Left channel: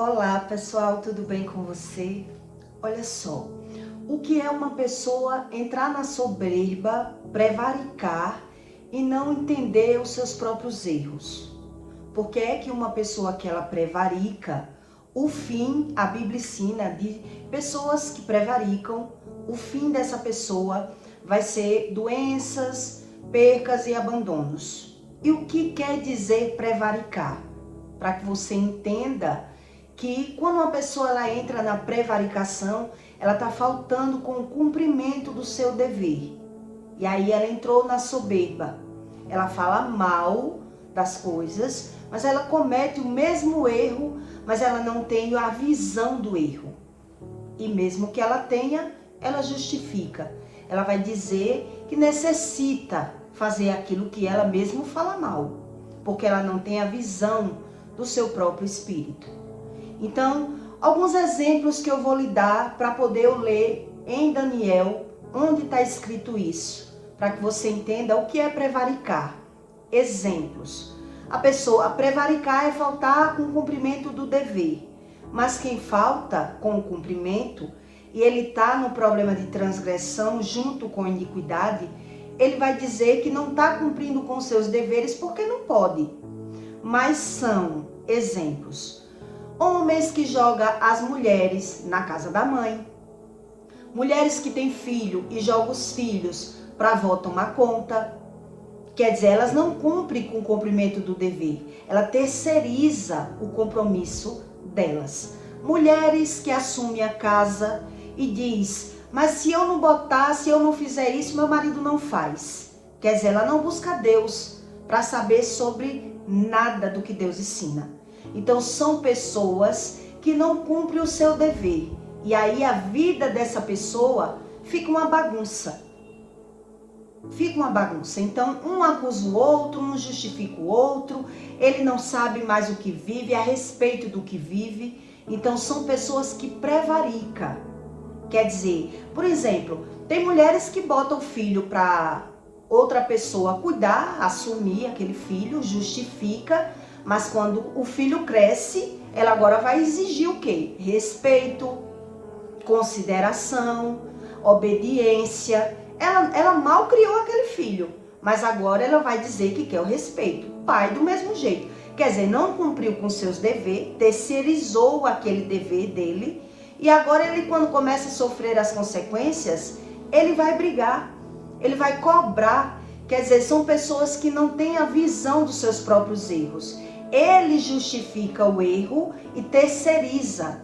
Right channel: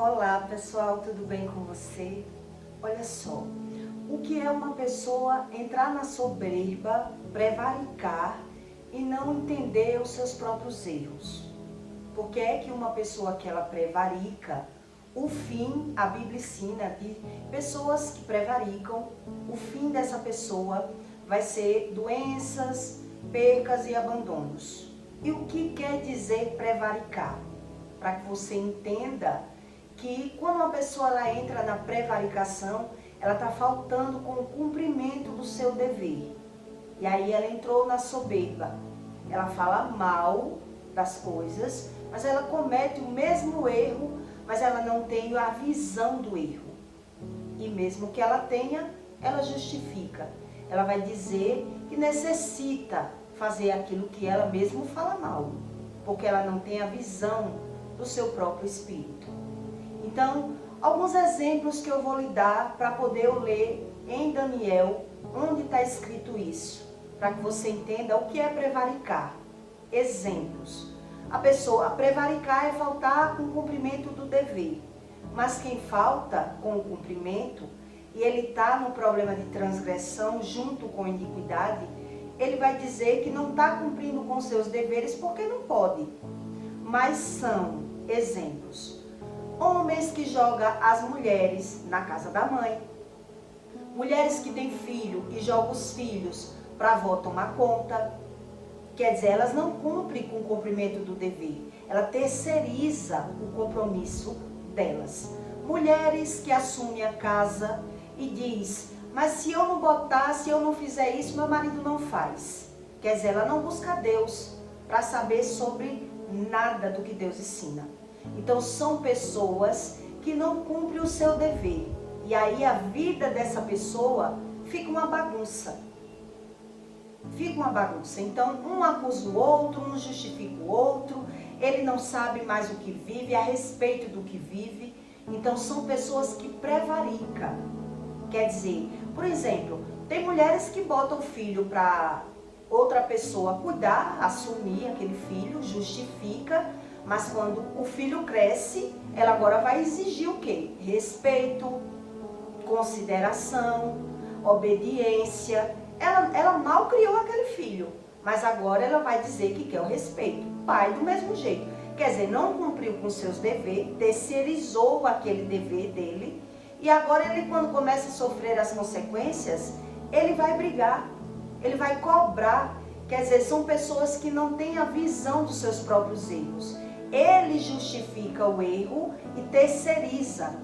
Olá pessoal, tudo bem com você? Olha só, o que é uma pessoa entrar na soberba, prevaricar e não entender os seus próprios erros? Porque é que uma pessoa que ela prevarica, o fim, a Bíblia ensina de pessoas que prevaricam, o fim dessa pessoa vai ser doenças, percas e abandonos. E o que quer dizer prevaricar? Para que você entenda que quando uma pessoa ela entra na prevaricação, ela está faltando com o cumprimento do seu dever. E aí ela entrou na soberba. Ela fala mal das coisas, mas ela comete o mesmo erro, mas ela não tem a visão do erro. E mesmo que ela tenha, ela justifica. Ela vai dizer que necessita fazer aquilo que ela mesma fala mal, porque ela não tem a visão do seu próprio espírito. Então, alguns exemplos que eu vou lhe dar para poder eu ler em Daniel, onde está escrito isso, para que você entenda o que é prevaricar. Exemplos. A prevaricar é faltar com o cumprimento do dever, mas quem falta com o cumprimento e ele está no problema de transgressão junto com a iniquidade, ele vai dizer que não está cumprindo com seus deveres porque não pode. Mas são exemplos. Homens que jogam as mulheres na casa da mãe. Mulheres que têm filho e jogam os filhos para a avó tomar conta. Quer dizer, elas não cumprem com o cumprimento do dever. Ela terceiriza o compromisso delas. Mulheres que assumem a casa e diz, mas se eu não botar, se eu não fizer isso, meu marido não faz. Quer dizer, ela não busca Deus para saber sobre nada do que Deus ensina. Então são pessoas que não cumprem o seu dever. E aí a vida dessa pessoa fica uma bagunça. Fica uma bagunça. Então um acusa o outro, um justifica o outro. Ele não sabe mais o que vive, a respeito do que vive. Então são pessoas que prevaricam. Quer dizer, por exemplo, tem mulheres que botam o filho para outra pessoa cuidar, assumir aquele filho, justifica. Mas quando o filho cresce, ela agora vai exigir o quê? Respeito, consideração, obediência. Ela mal criou aquele filho, mas agora ela vai dizer que quer o respeito. Pai do mesmo jeito. Quer dizer, não cumpriu com seus deveres, terceirizou aquele dever dele. E agora ele, quando começa a sofrer as consequências, ele vai brigar, ele vai cobrar. Quer dizer, são pessoas que não têm a visão dos seus próprios erros. Ele justifica o erro e terceiriza.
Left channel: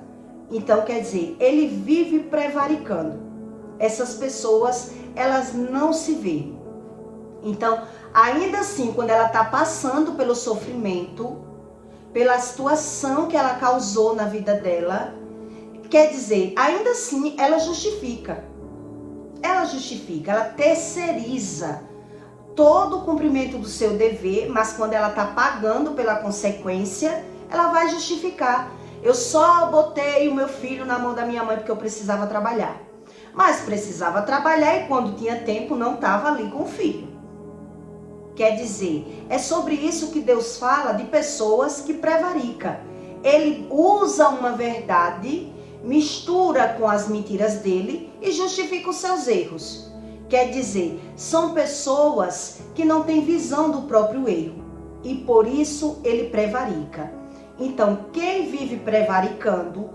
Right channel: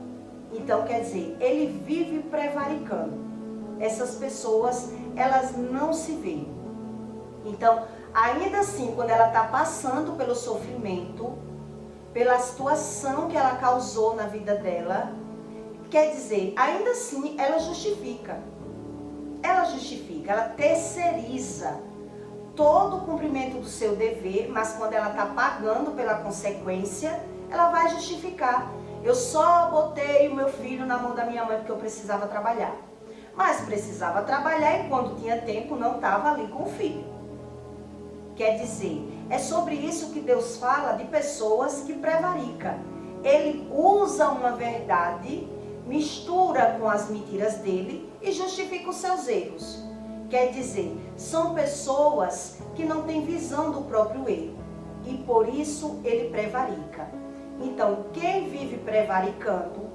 Então, quer dizer, ele vive prevaricando. Essas pessoas, elas não se veem. Então, ainda assim, quando ela está passando pelo sofrimento, pela situação que ela causou na vida dela, quer dizer, ainda assim, ela justifica. Ela justifica, ela terceiriza todo o cumprimento do seu dever, mas quando ela está pagando pela consequência, ela vai justificar. Eu só botei o meu filho na mão da minha mãe porque eu precisava trabalhar. Mas precisava trabalhar e quando tinha tempo não estava ali com o filho. Quer dizer, é sobre isso que Deus fala de pessoas que prevaricam. Ele usa uma verdade, mistura com as mentiras dele e justifica os seus erros. Quer dizer, são pessoas que não têm visão do próprio erro e por isso ele prevarica. Então, quem vive prevaricando,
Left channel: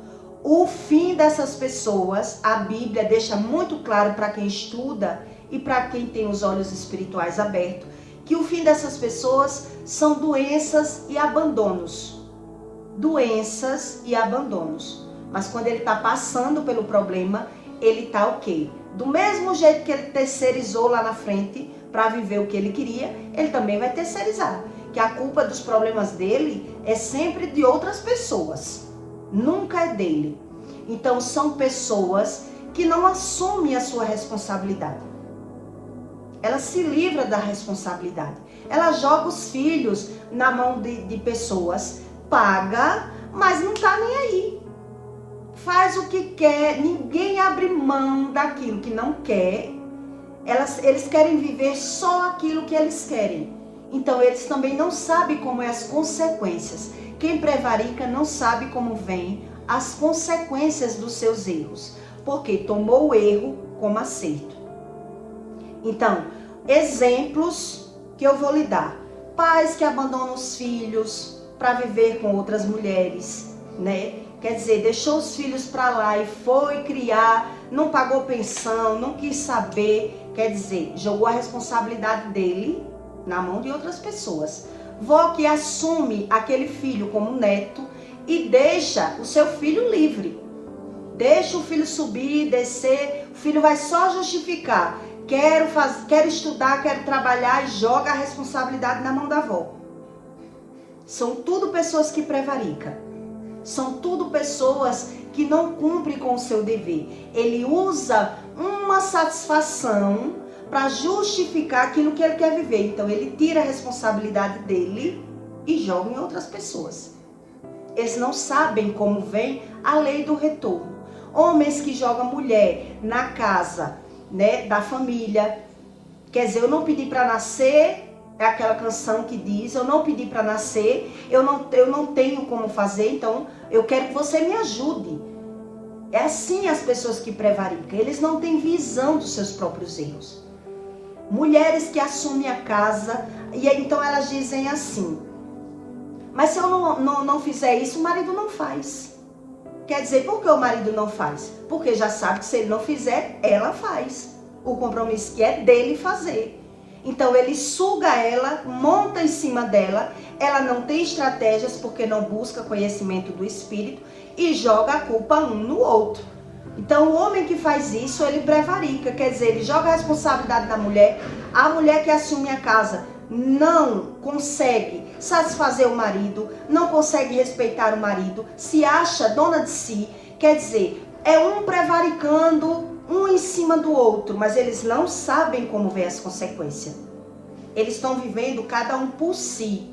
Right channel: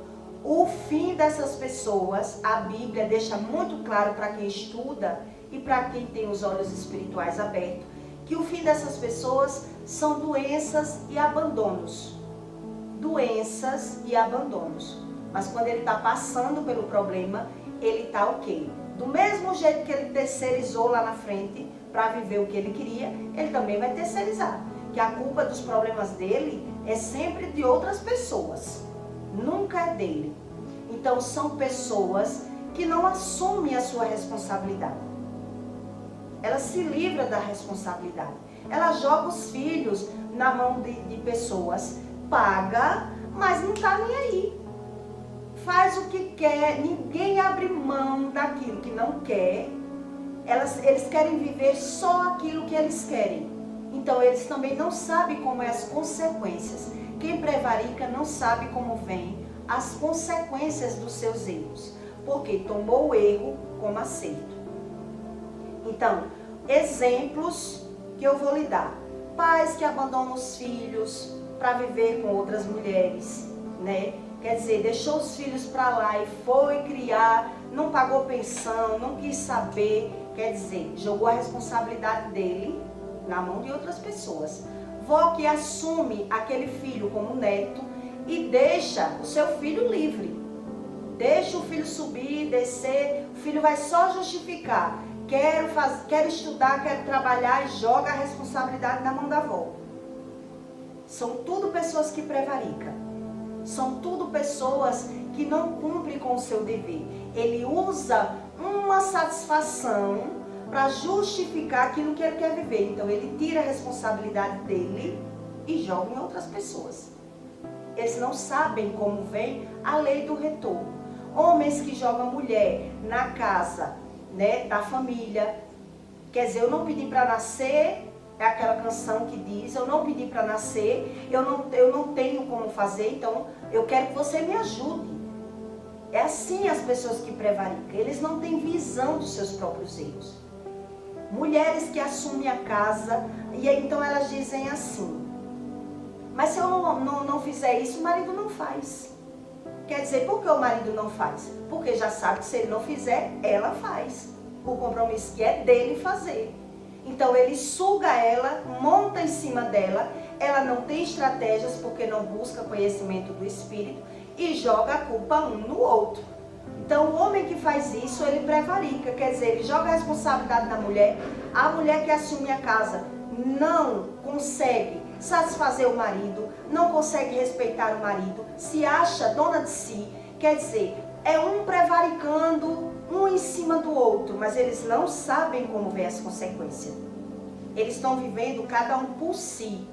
o fim dessas pessoas, a Bíblia deixa muito claro para quem estuda e para quem tem os olhos espirituais abertos, que o fim dessas pessoas são doenças e abandonos. Doenças e abandonos. Mas quando ele está passando pelo problema, ele está o quê? Do mesmo jeito que ele terceirizou lá na frente para viver o que ele queria, ele também vai terceirizar. Que a culpa dos problemas dele é sempre de outras pessoas, nunca é dele. Então são pessoas que não assumem a sua responsabilidade. Ela se livra da responsabilidade. Ela joga os filhos na mão de pessoas, paga, mas não está nem aí. Faz o que quer, ninguém abre mão daquilo que não quer. Eles querem viver só aquilo que eles querem. Então eles também não sabem como é as consequências. Quem prevarica não sabe como vem as consequências dos seus erros, porque tomou o erro como acerto. Então, exemplos que eu vou lhe dar. Pais que abandonam os filhos para viver com outras mulheres, né? Quer dizer, deixou os filhos para lá e foi criar, não pagou pensão, não quis saber. Quer dizer, jogou a responsabilidade dele na mão de outras pessoas. Vó que assume aquele filho como neto e deixa o seu filho livre. Deixa o filho subir, descer, o filho vai só justificar. Quero estudar, quero trabalhar, e joga a responsabilidade na mão da avó. São tudo pessoas que prevaricam. São tudo pessoas que não cumprem com o seu dever. Ele usa uma satisfação para justificar aquilo que ele quer viver. Então ele tira a responsabilidade dele e joga em outras pessoas. Eles não sabem como vem a lei do retorno. Homens que jogam mulher na casa, né, da família. Quer dizer, eu não pedi para nascer, é aquela canção que diz, eu não pedi para nascer, eu não tenho como fazer, então eu quero que você me ajude. É assim as pessoas que prevaricam, eles não têm visão dos seus próprios erros. Mulheres que assumem a casa, e então elas dizem assim, mas se eu não fizer isso, o marido não faz. Quer dizer, por que o marido não faz? Porque já sabe que se ele não fizer, ela faz. O compromisso que é dele fazer. Então ele suga ela, monta em cima dela, ela não tem estratégias porque não busca conhecimento do espírito e joga a culpa um no outro. Então o homem que faz isso, ele prevarica, quer dizer, ele joga a responsabilidade na mulher. A mulher que assume a casa não consegue satisfazer o marido, não consegue respeitar o marido, se acha dona de si, quer dizer, é um prevaricando um em cima do outro, mas eles não sabem como vem as consequências. Eles estão vivendo cada um por si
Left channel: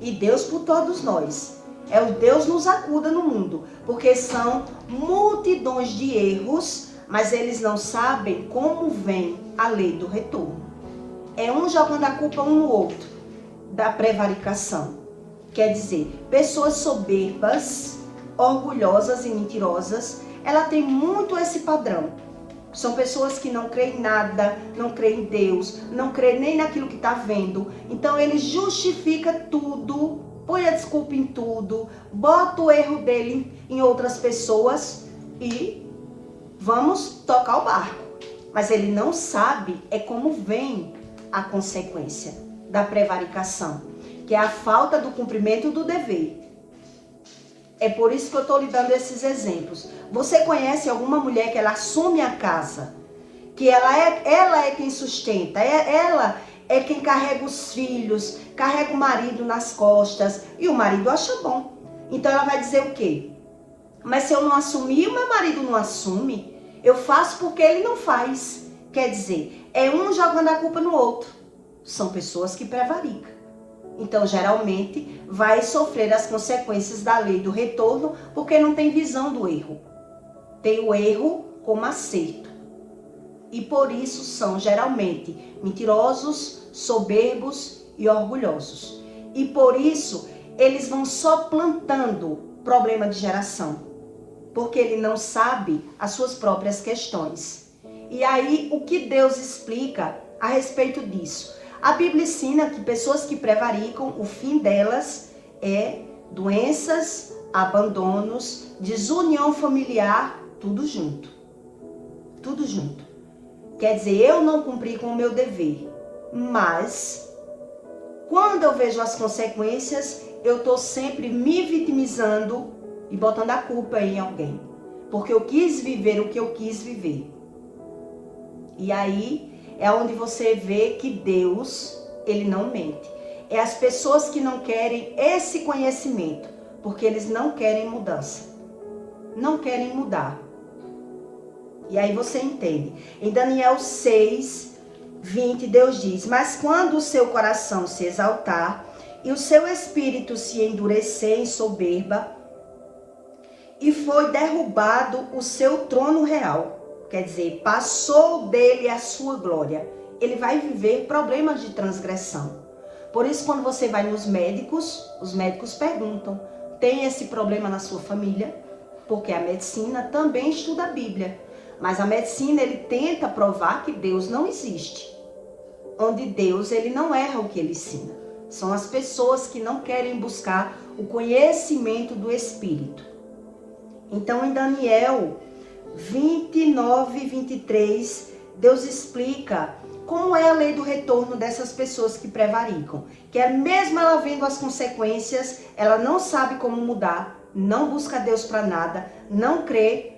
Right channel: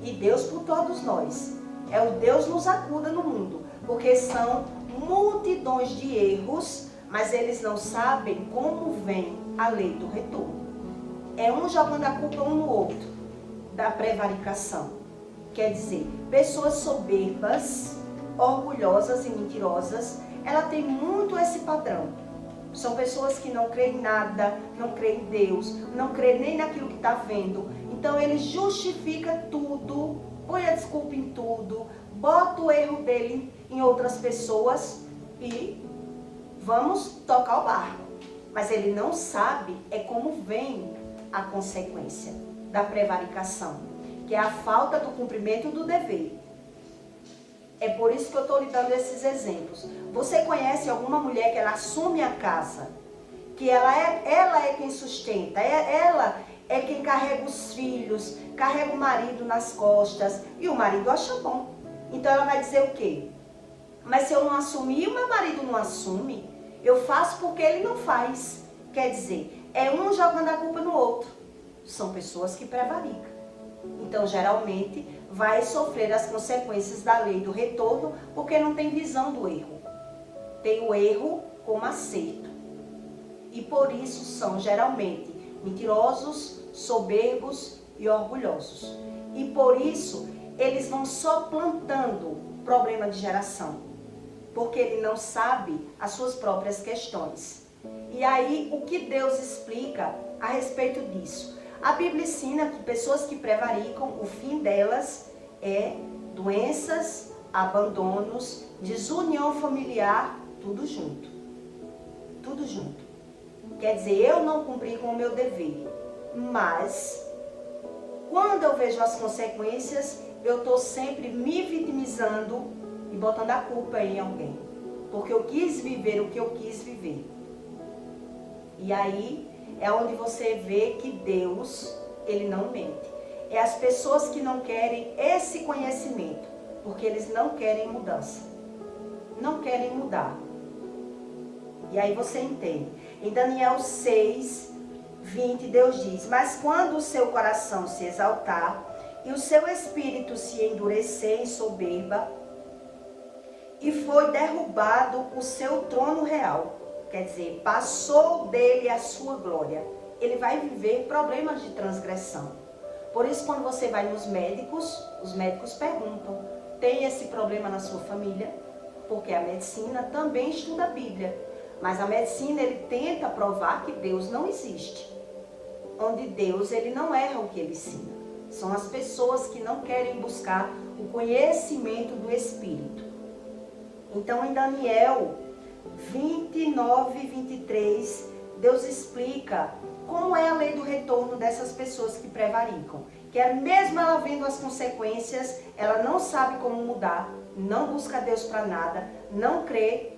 e Deus por todos nós. É o Deus nos acuda no mundo, porque são multidões de erros, mas eles não sabem como vem a lei do retorno. É um jogando a culpa um no outro da prevaricação. Quer dizer, pessoas soberbas, orgulhosas e mentirosas, ela tem muito esse padrão. São pessoas que não creem em nada, não creem em Deus, não creem nem naquilo que está vendo. Então ele justifica tudo, põe a desculpa em tudo, bota o erro dele em outras pessoas e vamos tocar o barco. Mas ele não sabe como vem a consequência da prevaricação, que é a falta do cumprimento do dever. É por isso que eu estou lhe dando esses exemplos. Você conhece alguma mulher que ela assume a casa, que ela é quem sustenta, ela é quem carrega os filhos, carrega o marido nas costas, e o marido acha bom. Então ela vai dizer o quê? Mas se eu não assumir, o meu marido não assume, eu faço porque ele não faz. Quer dizer, é um jogando a culpa no outro. São pessoas que prevaricam. Então, geralmente, vai sofrer as consequências da lei do retorno, porque não tem visão do erro. Tem o erro como acerto. E por isso são, geralmente, mentirosos, soberbos e orgulhosos. E por isso, eles vão só plantando problema de geração. Porque ele não sabe as suas próprias questões. E aí, o que Deus explica a respeito disso? A Bíblia ensina que pessoas que prevaricam, o fim delas é doenças, abandonos, desunião familiar, tudo junto. Tudo junto. Quer dizer, eu não cumpri com o meu dever, mas quando eu vejo as consequências, eu estou sempre me vitimizando e botando a culpa em alguém. Porque eu quis viver o que eu quis viver. E aí é onde você vê que Deus, ele não mente. É as pessoas que não querem esse conhecimento, porque eles não querem mudança. Não querem mudar. E aí você entende. Em Daniel 6, 20, Deus diz: mas quando o seu coração se exaltar e o seu espírito se endurecer em soberba, e foi derrubado o seu trono real, quer dizer, passou dele a sua glória, ele vai viver problemas de transgressão. Por isso, quando você vai nos médicos, os médicos perguntam, tem esse problema na sua família? Porque a medicina também estuda a Bíblia. Mas a medicina, ele tenta provar que Deus não existe. Onde Deus, ele não erra o que ele ensina. São as pessoas que não querem buscar o conhecimento do Espírito. Então, em Daniel 29 e 23, Deus explica como é a lei do retorno dessas pessoas que prevaricam. Que é mesmo ela vendo as consequências, ela não sabe como mudar, não busca Deus para nada, não crê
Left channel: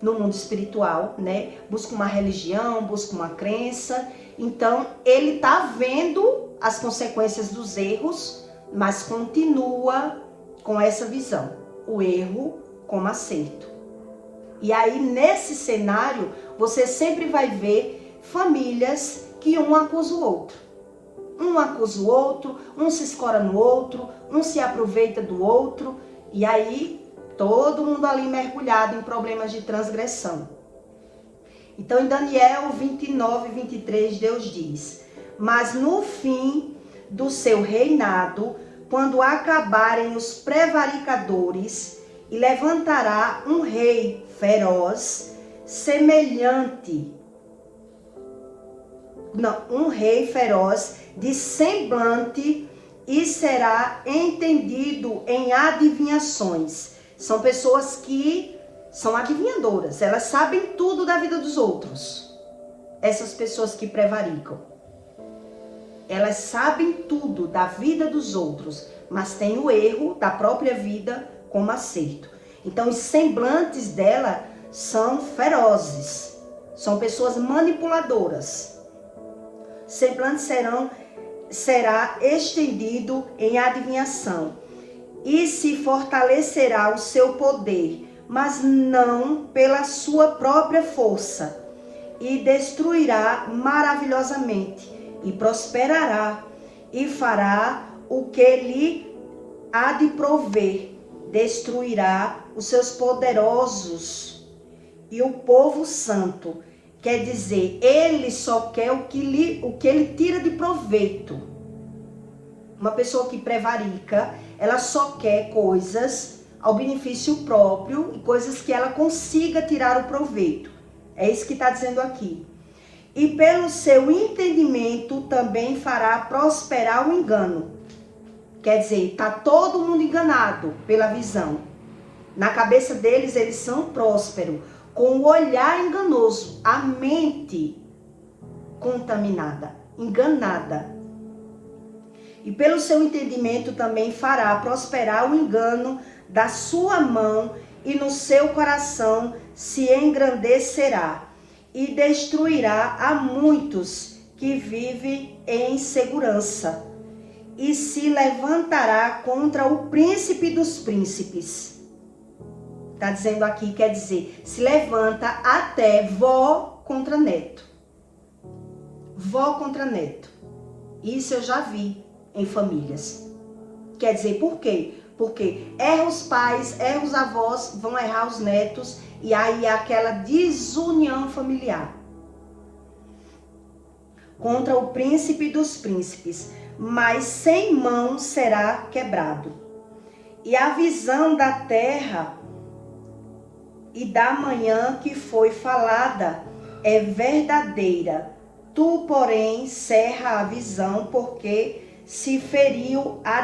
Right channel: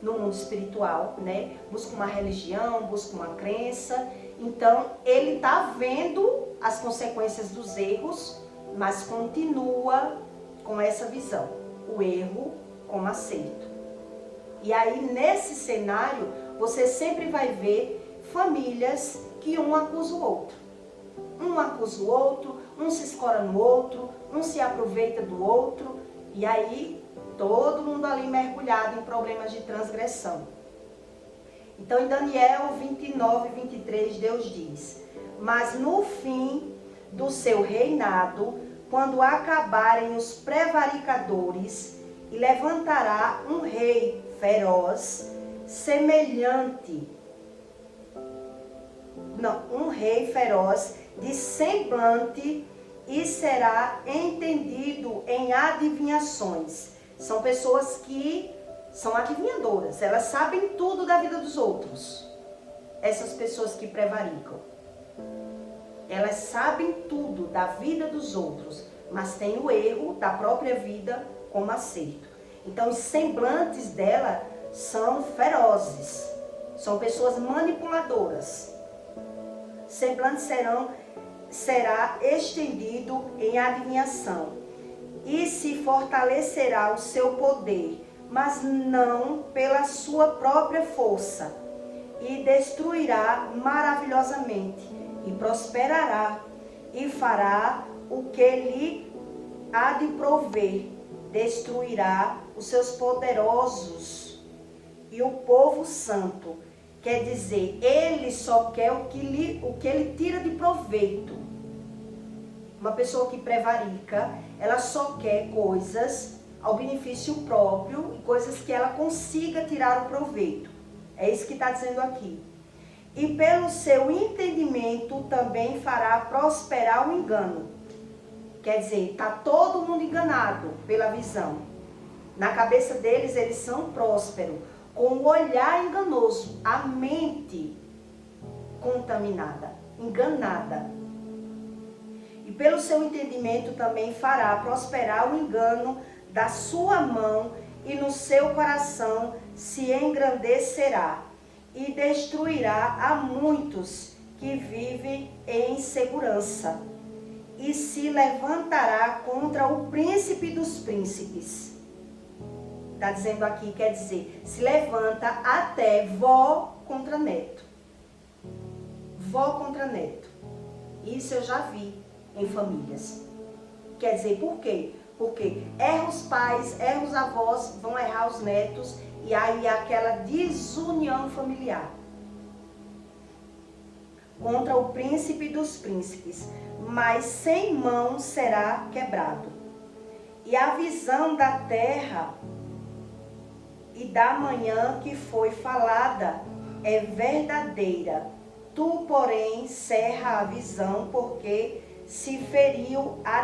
no mundo espiritual, né? Busca uma religião, busca uma crença. Então, ele está vendo as consequências dos erros, mas continua com essa visão. O erro como acerto. E aí, nesse cenário, você sempre vai ver famílias que um acusa o outro. Um acusa o outro, um se escora no outro, um se aproveita do outro. E aí, todo mundo ali mergulhado em problemas de transgressão. Então, em Daniel 29 e 23, Deus diz: mas no fim do seu reinado, quando acabarem os prevaricadores, e levantará um rei feroz, um rei feroz de semblante, e será entendido em adivinhações. São pessoas que são adivinhadoras, elas sabem tudo da vida dos outros. Essas pessoas que prevaricam. Elas sabem tudo da vida dos outros, mas tem o erro da própria vida como acerto. Então, os semblantes dela são ferozes. São pessoas manipuladoras. Semblantes será estendido em adivinhação. E se fortalecerá o seu poder, mas não pela sua própria força. E destruirá maravilhosamente. E prosperará. E fará o que lhe há de prover. Destruirá os seus poderosos e o povo santo. Quer dizer, ele só quer o que ele tira de proveito. Uma pessoa que prevarica, ela só quer coisas ao benefício próprio e coisas que ela consiga tirar o proveito. É isso que está dizendo aqui. E pelo seu entendimento também fará prosperar o engano. Quer dizer, está todo mundo enganado pela visão. Na cabeça deles, eles são prósperos, com o olhar enganoso, a mente contaminada, enganada. E pelo seu entendimento também fará prosperar o engano da sua mão, e no seu coração se engrandecerá, e destruirá a muitos que vivem em segurança. E se levantará contra o príncipe dos príncipes. Está dizendo aqui, quer dizer, se levanta até vó contra neto. Vó contra neto. Isso eu já vi em famílias. Quer dizer, por quê? Porque erra os pais, erra os avós, vão errar os netos, e aí há aquela desunião familiar. Contra o príncipe dos príncipes, mas sem mão será quebrado. E a visão da terra e da manhã que foi falada é verdadeira. Tu, porém, cerra a visão, porque se referiu a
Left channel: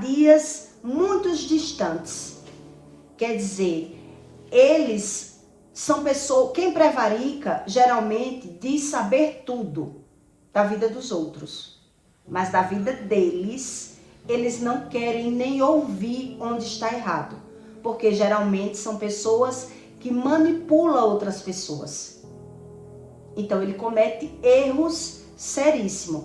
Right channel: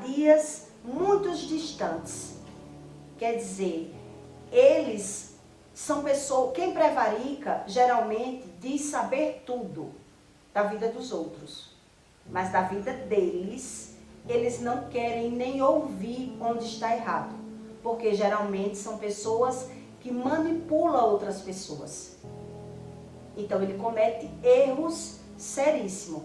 dias muito distantes. Quer dizer, eles são pessoas, quem prevarica geralmente diz saber tudo da vida dos outros, mas da vida deles, eles não querem nem ouvir onde está errado, porque geralmente são pessoas que manipulam outras pessoas. Então ele comete erros seríssimos.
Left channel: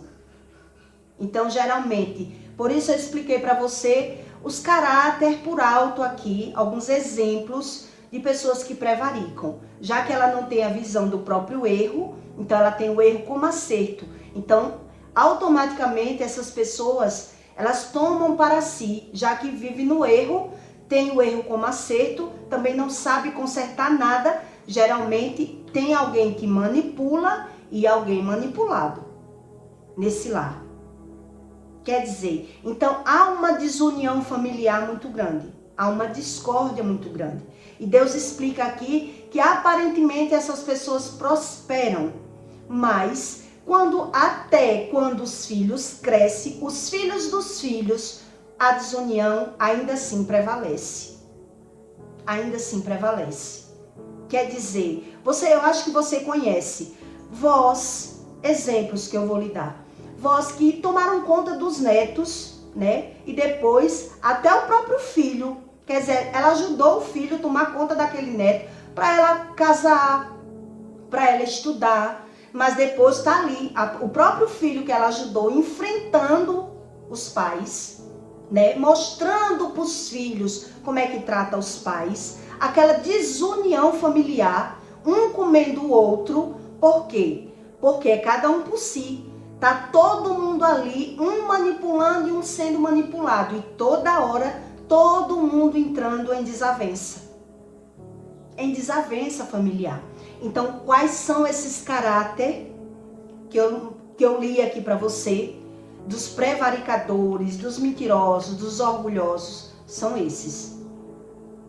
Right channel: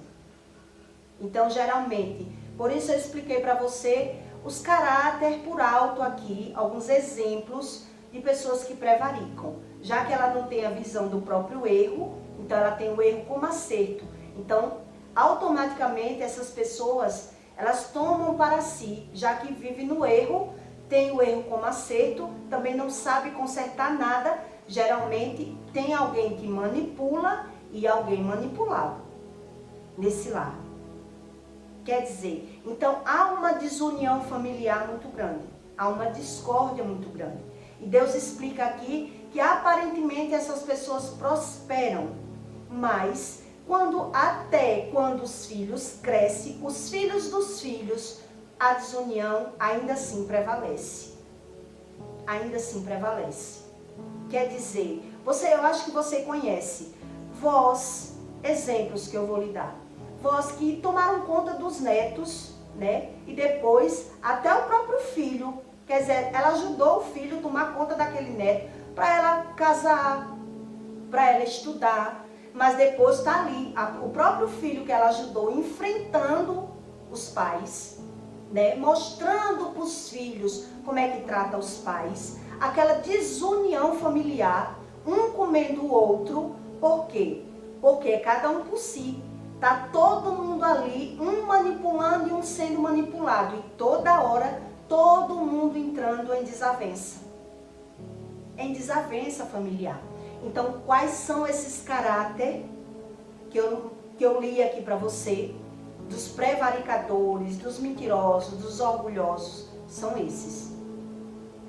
Então geralmente, por isso eu expliquei para você os caráter por alto aqui, alguns exemplos de pessoas que prevaricam, já que ela não tem a visão do próprio erro, então ela tem o erro como acerto. Então, automaticamente essas pessoas, elas tomam para si, já que vive no erro, tem o erro como acerto, também não sabe consertar nada, geralmente tem alguém que manipula e alguém manipulado. nesse lar. Quer dizer, então há uma desunião familiar muito grande, há uma discórdia muito grande. E Deus explica aqui que aparentemente essas pessoas prosperam, mas quando os filhos crescem, os filhos dos filhos, a desunião ainda assim prevalece. Ainda assim prevalece. Quer dizer, eu acho que você conhece vós, exemplos que eu vou lhe dar. Vós que tomaram conta dos netos, né? E depois até o próprio filho, quer dizer, ela ajudou o filho a tomar conta daquele neto para ela casar, para ela estudar, mas depois está ali o próprio filho que ela ajudou enfrentando os pais, né? Mostrando para os filhos como é que trata os pais, aquela desunião familiar, um comendo o outro. Por quê? Porque é cada um por si. Tá todo mundo ali, um manipulando e um sendo manipulado. E toda hora, todo mundo entrando em desavença. Em desavença familiar. Então, quais são esses caráter que eu li aqui para você? Dos prevaricadores, dos mentirosos, dos orgulhosos. São esses.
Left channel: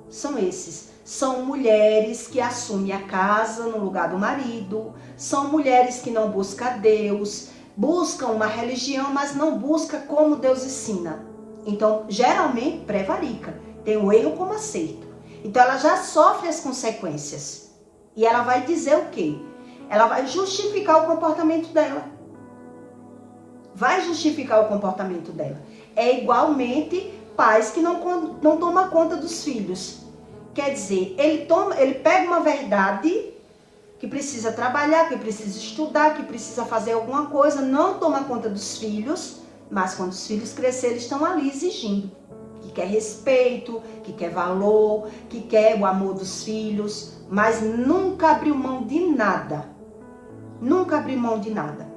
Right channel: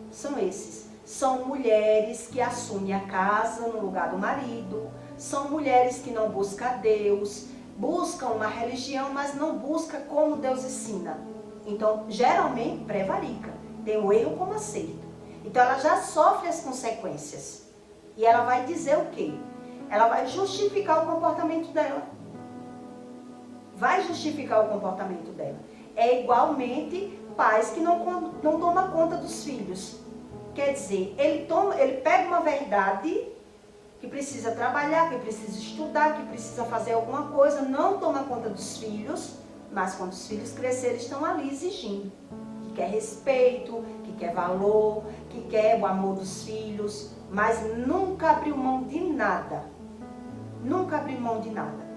São esses. São mulheres que assumem a casa no lugar do marido. São mulheres que não buscam Deus. Buscam uma religião, mas não buscam como Deus ensina. Então, geralmente, prevarica. Tem o erro como acerto. Então, ela já sofre as consequências. E ela vai dizer o quê? Ela vai justificar o comportamento dela. Vai justificar o comportamento dela. É igualmente pais que não tomam conta dos filhos. Quer dizer, ele pega uma verdade que precisa trabalhar, que precisa estudar, que precisa fazer alguma coisa, não toma conta dos filhos, mas quando os filhos crescerem, eles estão ali exigindo. Que quer respeito, que quer valor, que quer o amor dos filhos, mas nunca abriu mão de nada. Nunca abriu mão de nada.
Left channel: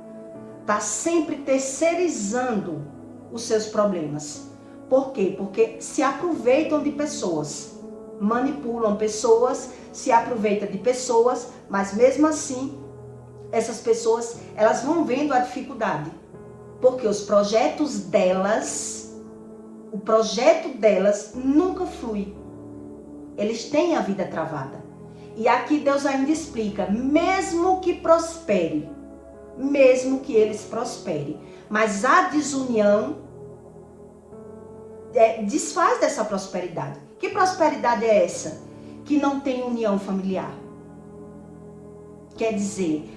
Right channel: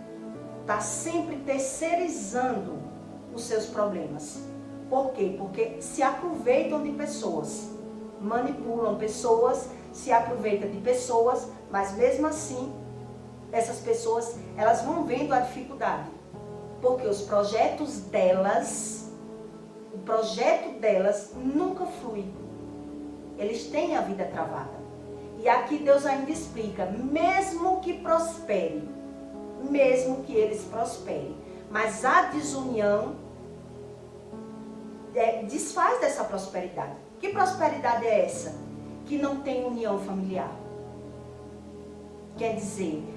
Está sempre terceirizando os seus problemas. Por quê? Porque se aproveitam de pessoas, manipulam pessoas, se aproveitam de pessoas, mas mesmo assim, essas pessoas, elas vão vendo a dificuldade. Porque os projetos delas, o projeto delas nunca flui. Eles têm a vida travada. E aqui Deus ainda explica, mesmo que prospere, mesmo que eles prosperem, mas a desunião desfaz dessa prosperidade. Que prosperidade é essa? Que não tem união familiar. Quer dizer,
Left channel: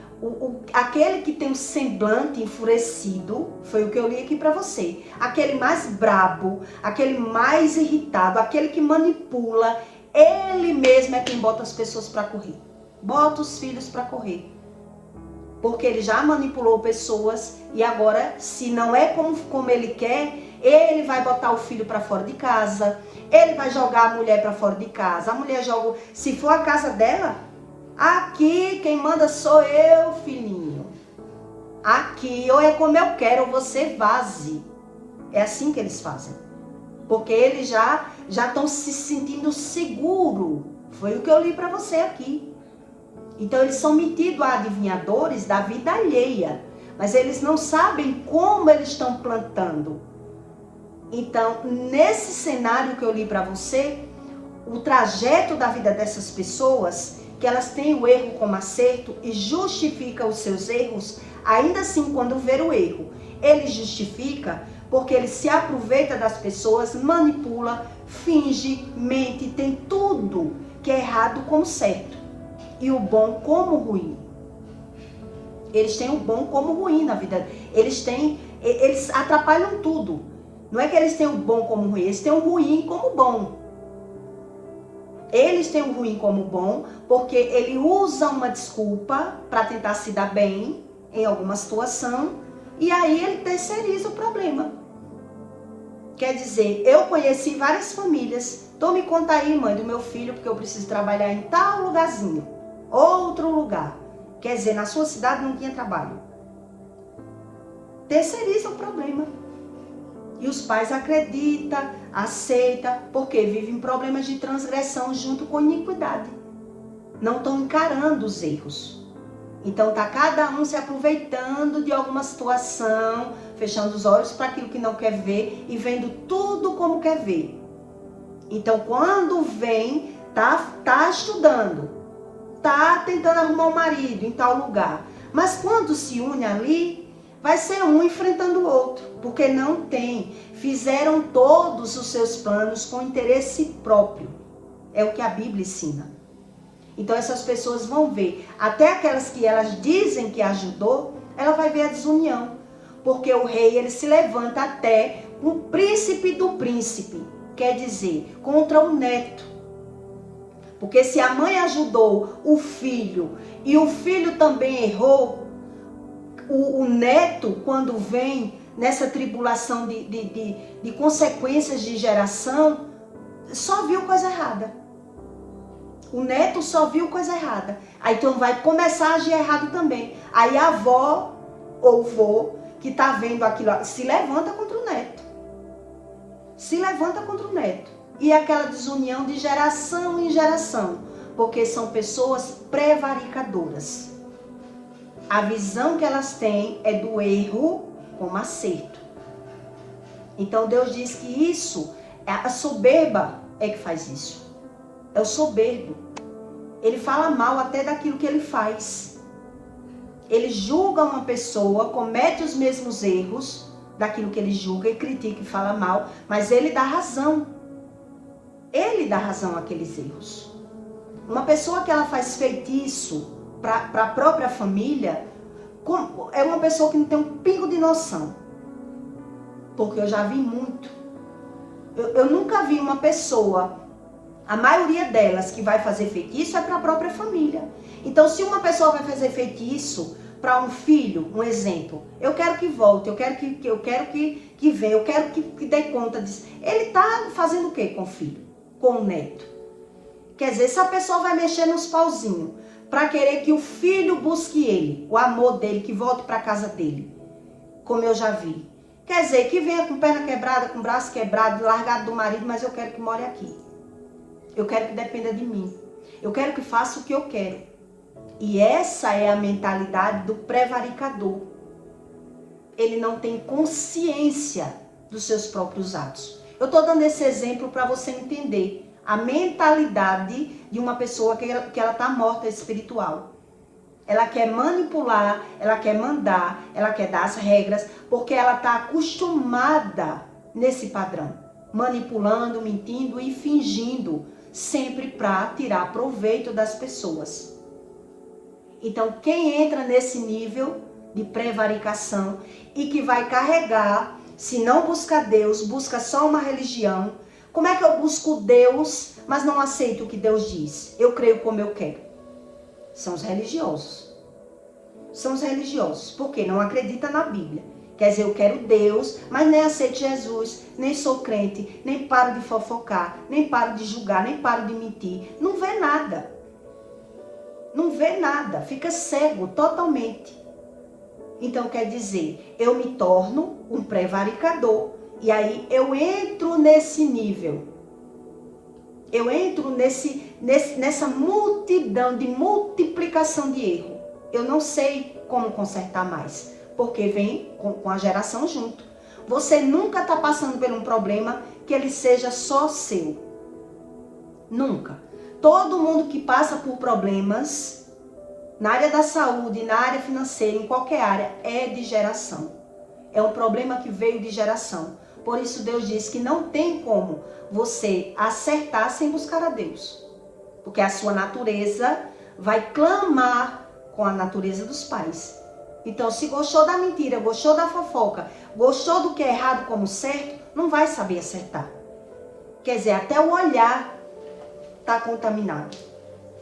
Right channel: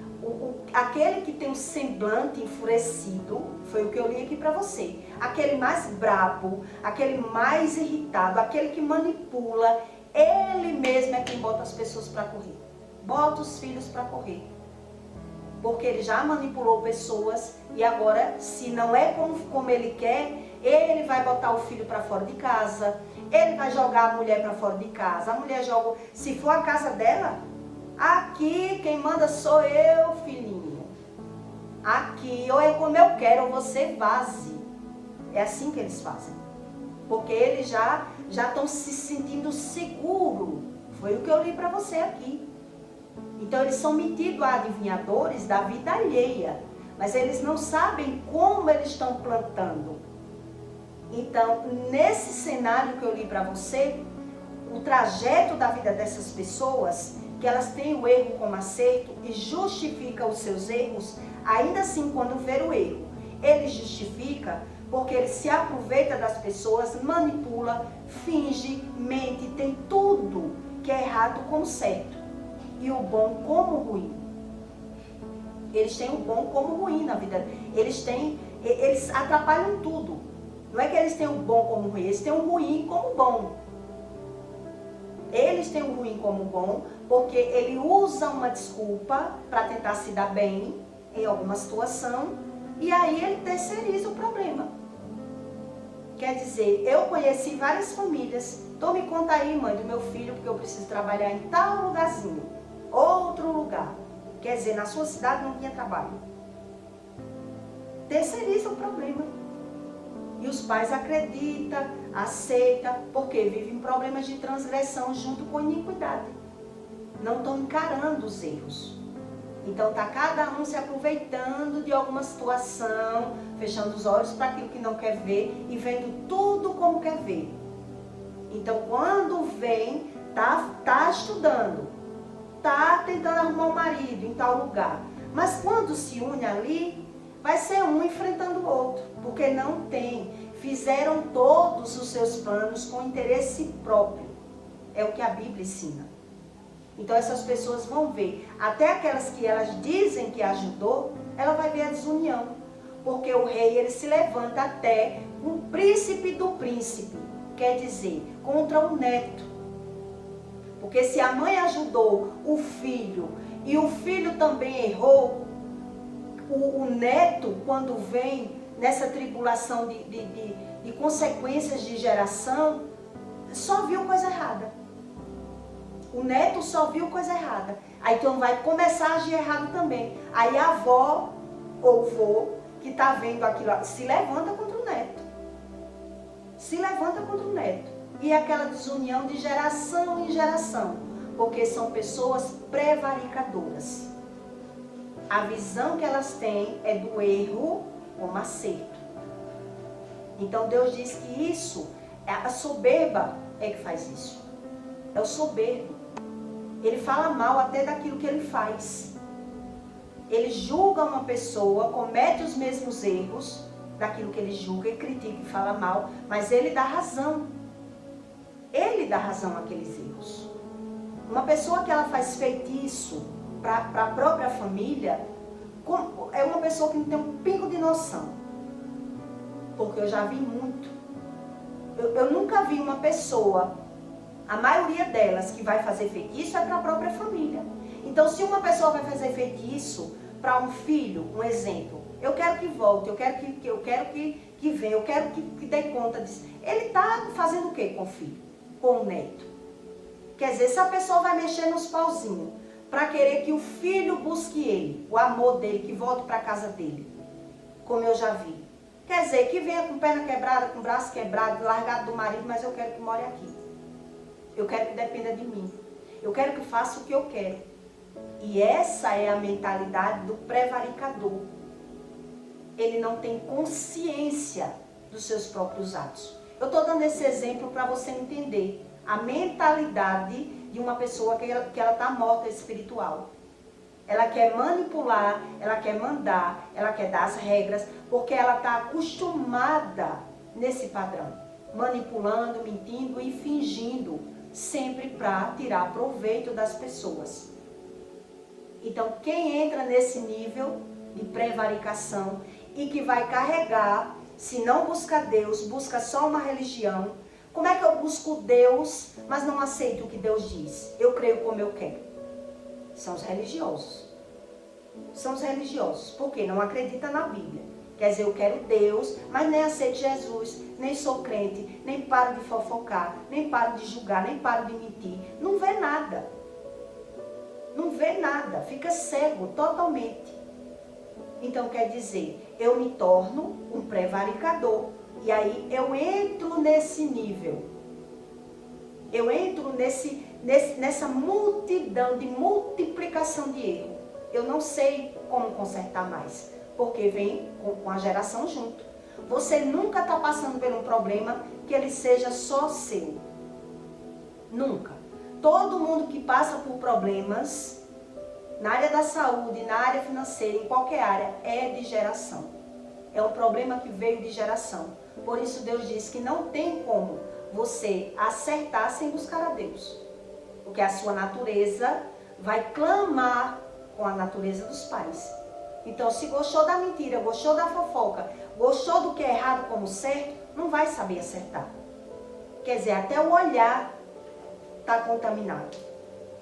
aquele que tem um semblante enfurecido, foi o que eu li aqui para você, aquele mais brabo, aquele mais irritado, aquele que manipula, ele mesmo é quem bota as pessoas para correr. Bota os filhos para correr. Porque ele já manipulou pessoas e agora, se não é como ele quer, ele vai botar o filho para fora de casa, ele vai jogar a mulher para fora de casa. A mulher joga, se for a casa dela, aqui quem manda sou eu, filhinho. Aqui, ou é como eu quero, ou você vaze. É assim que eles fazem. Porque eles já estão se sentindo seguros. Foi o que eu li para você aqui. Então eles são metidos a adivinhadores da vida alheia. Mas eles não sabem como eles estão plantando. Então, nesse cenário que eu li para você, o trajeto da vida dessas pessoas, que elas têm o erro como acerto e justificam os seus erros, ainda assim, quando vê o erro, ele justifica porque ele se aproveita das pessoas, manipula, finge, mente, tem tudo que é errado como certo e o bom como ruim. Eles têm o bom como ruim na vida. Eles atrapalham tudo. Não é que eles têm o bom como ruim, eles têm o ruim como bom. Eles têm o ruim como bom porque ele usa uma desculpa para tentar se dar bem em alguma situação e aí ele terceiriza o problema. Quer dizer, eu conheci várias famílias. Tome conta aí, mãe, do meu filho, porque eu preciso trabalhar em tal lugarzinho, outro lugar. Quer dizer, na sua cidade não tinha trabalho. Terceiriza o problema. E os pais acreditam, aceitam, porque vivem problemas de transgressão junto com iniquidade. Não estão encarando os erros. Então tá cada um se aproveitando de alguma situação, fechando os olhos para aquilo que não quer ver e vendo tudo como quer ver. Então quando vem, tá estudando, tá tentando arrumar um marido em tal lugar. Mas quando se une ali, vai ser um enfrentando o outro, porque não tem. Fizeram todos os seus planos com interesse próprio. É o que a Bíblia ensina. Então essas pessoas vão ver, até aquelas que elas dizem que ajudou, ela vai ver a desunião. Porque o rei, ele se levanta até o príncipe do príncipe, quer dizer, contra o neto. Porque se a mãe ajudou o filho e o filho também errou, o neto, quando vem nessa tribulação de consequências de geração, só viu coisa errada. O neto só viu coisa errada. Aí então vai começar a agir errado também. Aí a avó ou o vô que está vendo aquilo se levanta contra o neto. Se levanta contra o neto. E aquela desunião de geração em geração. Porque são pessoas prevaricadoras. A visão que elas têm é do erro como acerto. Então Deus diz que isso, a soberba é que faz isso. É o soberbo. Ele fala mal até daquilo que ele faz. Ele julga uma pessoa, comete os mesmos erros daquilo que ele julga e critica e fala mal, mas ele dá razão. Ele dá razão àqueles erros. Uma pessoa que ela faz feitiço para a própria família, é uma pessoa que não tem um pingo de noção. Porque eu já vi muito. Eu nunca vi uma pessoa, a maioria delas que vai fazer feitiço é para a própria família. Então se uma pessoa vai fazer feitiço para um filho, um exemplo, eu quero que volte, eu quero que venha, eu quero que dê conta disso. Ele está fazendo o que com o filho? Com o neto? Quer dizer, se a pessoa vai mexer nos pauzinhos para querer que o filho busque ele, o amor dele, que volte para a casa dele, como eu já vi. Quer dizer, que venha com perna quebrada, com braço quebrado, largado do marido, mas eu quero que more aqui. Eu quero que dependa de mim. Eu quero que faça o que eu quero. E essa é a mentalidade do prevaricador. Ele não tem consciência dos seus próprios atos. Eu estou dando esse exemplo para você entender a mentalidade de uma pessoa que ela está morta espiritual. Ela quer manipular, ela quer mandar, ela quer dar as regras, porque ela está acostumada nesse padrão. Manipulando, mentindo e fingindo, sempre para tirar proveito das pessoas. Então, quem entra nesse nível de prevaricação e que vai carregar, se não busca Deus, busca só uma religião. Como é que eu busco Deus, mas não aceito o que Deus diz? Eu creio como eu quero. São os religiosos. São os religiosos, porque não acredita na Bíblia. Quer dizer, eu quero Deus, mas nem aceito Jesus, nem sou crente, nem paro de fofocar, nem paro de julgar, nem paro de mentir. Não vê nada. Não vê nada, fica cego totalmente. Então quer dizer, eu me torno um prevaricador. E aí eu entro nesse nível. Eu entro nessa multidão de multiplicação de erro. Eu não sei como consertar mais. Porque vem com a geração junto. Você nunca está passando por um problema que ele seja só seu. Nunca. Todo mundo que passa por problemas, na área da saúde, na área financeira, em qualquer área, é de geração. É um problema que veio de geração. Por isso Deus diz que não tem como você acertar sem buscar a Deus. Porque a sua natureza vai clamar com a natureza dos pais. Então, se gostou da mentira, gostou da fofoca, gostou do que é errado como certo, não vai saber acertar. Quer dizer, até o olhar está contaminado